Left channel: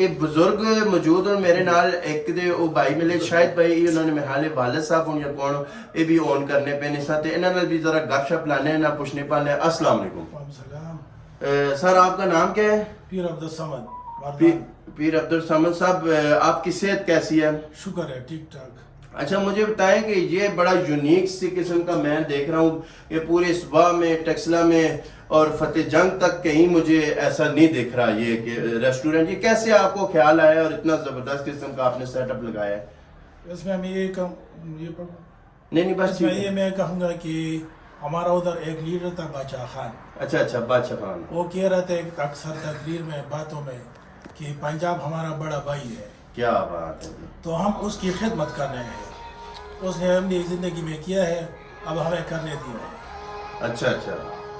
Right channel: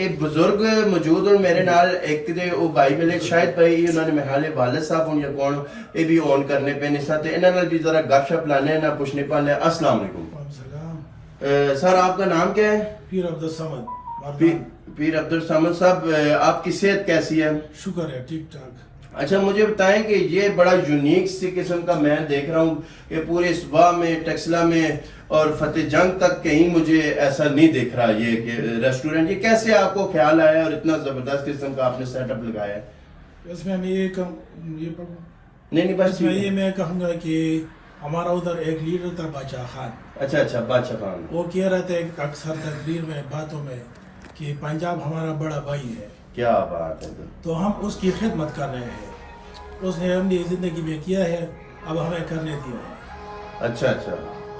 एक बुजुर्ग मौजूद और मेरे नाल एक ते ओ भाई मिले शायद भाई उन्होंने मेरे हाले वालिद साहब हों या कौन ये भी ऑन करने पे नहीं साथ इन्हां नाल भी जरा गपशप लाने ना पूछने पाले। अस्सलाम वालेकुम सर, आपका नाम क्या है? पीर अब्दुल समद। पीर अब्दुल समद साहब, आपकी सेहत कैसी है? शुक्र है, ठीक ठाक। अच्छा, मुझे बताएं कि ये बड़ा यूनिक सी किस्म का मैं देख रहा हूँ, ये पूरे सुबह में टेक्सला में और फतेह जंग तक कहीं मुझे ऐसा नहीं दिख रहा ये कि रेस्टोरेंट। ये कैसे आपको ख्याल आया और इतना जबरदस्त किस्म का आपने सेटअप लगाया है? इसमें हम ये नहीं बस इसमें ये मैं कहूँगा कि हमारा उधर एक लीडर था बादशाह खान। अच्छा, बादशाह खान। वो कह रहे थे अक्सर तकरीर में बातों में कि पंजाब हमारा बड़ा भाई है। क्या बात है। तो हम उसकी खिदमत कर रहे हैं, उसने हमने जिंदगी में किया है, अब हमें करने दिया है। अच्छा,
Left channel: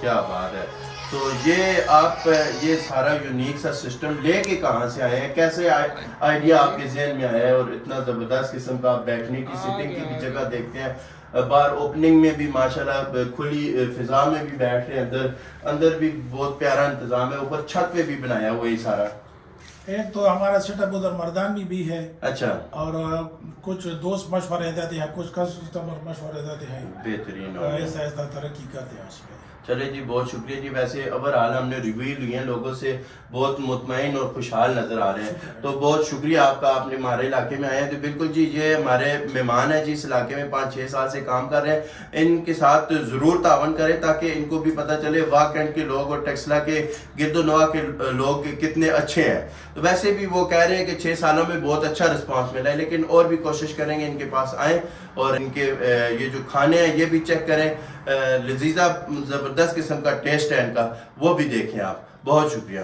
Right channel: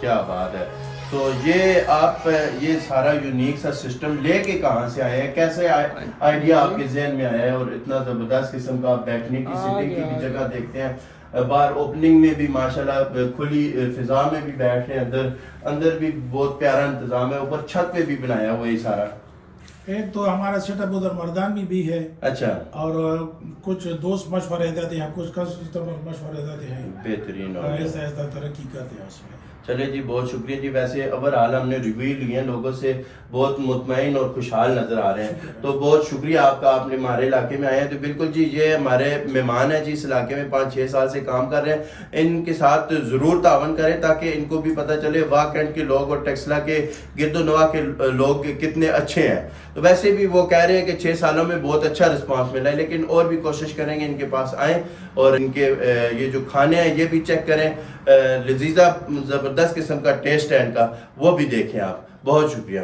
क्या बात है। तो ये आप ये सारा यूनिक सा सिस्टम लेके कहाँ से आए हैं, कैसे आइडिया आपके जहन में आया है? और इतना जबरदस्त किस्म का बैठने की सिटिंग की भी जगह देखते हैं, बाहर ओपनिंग में भी माशाल्लाह खुली फिजा में भी बैठे हैं, अंदर भी बहुत प्यारा इंतजाम है, ऊपर छत पे भी बनाया हुआ ये सारा। एक तो हमारा सेटअप उधर मर्दान भी है। अच्छा। और कुछ दोस्त मशवरे देते हैं, कुछ कस्टमर मशवरे देते हैं। बेहतरीन ऐसा तरक्की करते हैं उसमें। चले जी, बहुत शुक्रिया जी। वैसे ओवरऑल हमने रिव्यू लिए हैं, लोगों से बहुत मुतमईन और खुशहाल नजर आ रहे हैं, तो बहुत शुक्रिया आपका, आपने हमारे इलाके में आए हैं। तो बिल्कुल जी, ये हमारे मेहमान हैं जी, इस इलाके में 5-6 साल से काम कर रहे हैं। इनके साथ ज़रूर तावन करें ताकि इनको भी पता चले वाकंड के लोग और टेक्सला के गिरदोनवा के लोग कितने अच्छे हैं। तो वैसे भी वो कह रहे हैं कि 6 सालों में बहुत अच्छा रिस्पॉन्स मिला है, लेकिन और भी कोशिश करेंगे इनके पास आएँ और इनके ये जो खाने हैं ये भी चेक करें। लजीजा ज़बरदस्त किस्म का टेस्ट है इनका, वो भी देखें आप। बहुत शुक्रिया।